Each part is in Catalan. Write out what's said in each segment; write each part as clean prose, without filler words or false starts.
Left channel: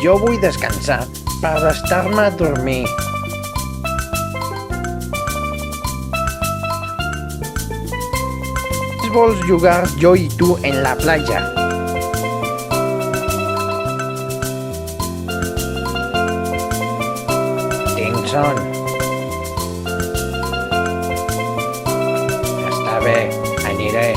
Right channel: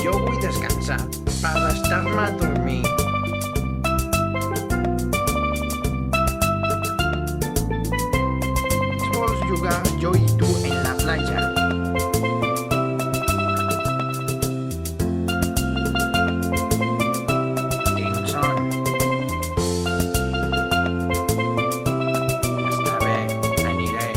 Jo vull descansar per estar-me a dormir. Vols jugar jo i tu en la platja? Tinc son. Està bé, aniré.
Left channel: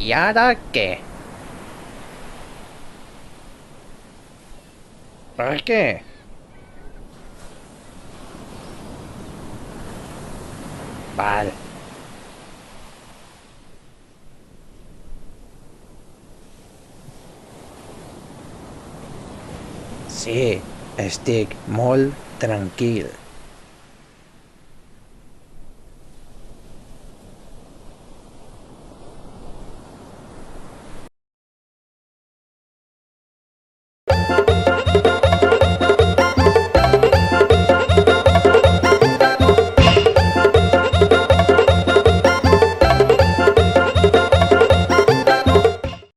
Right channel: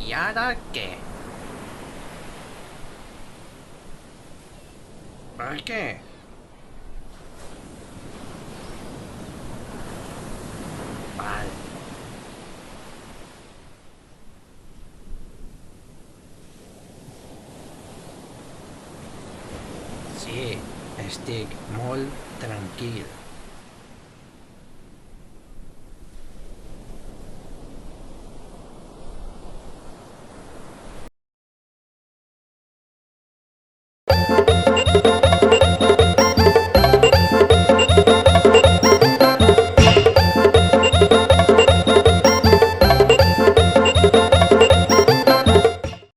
I ara què? Per què? Val. Sí, estic molt tranquil.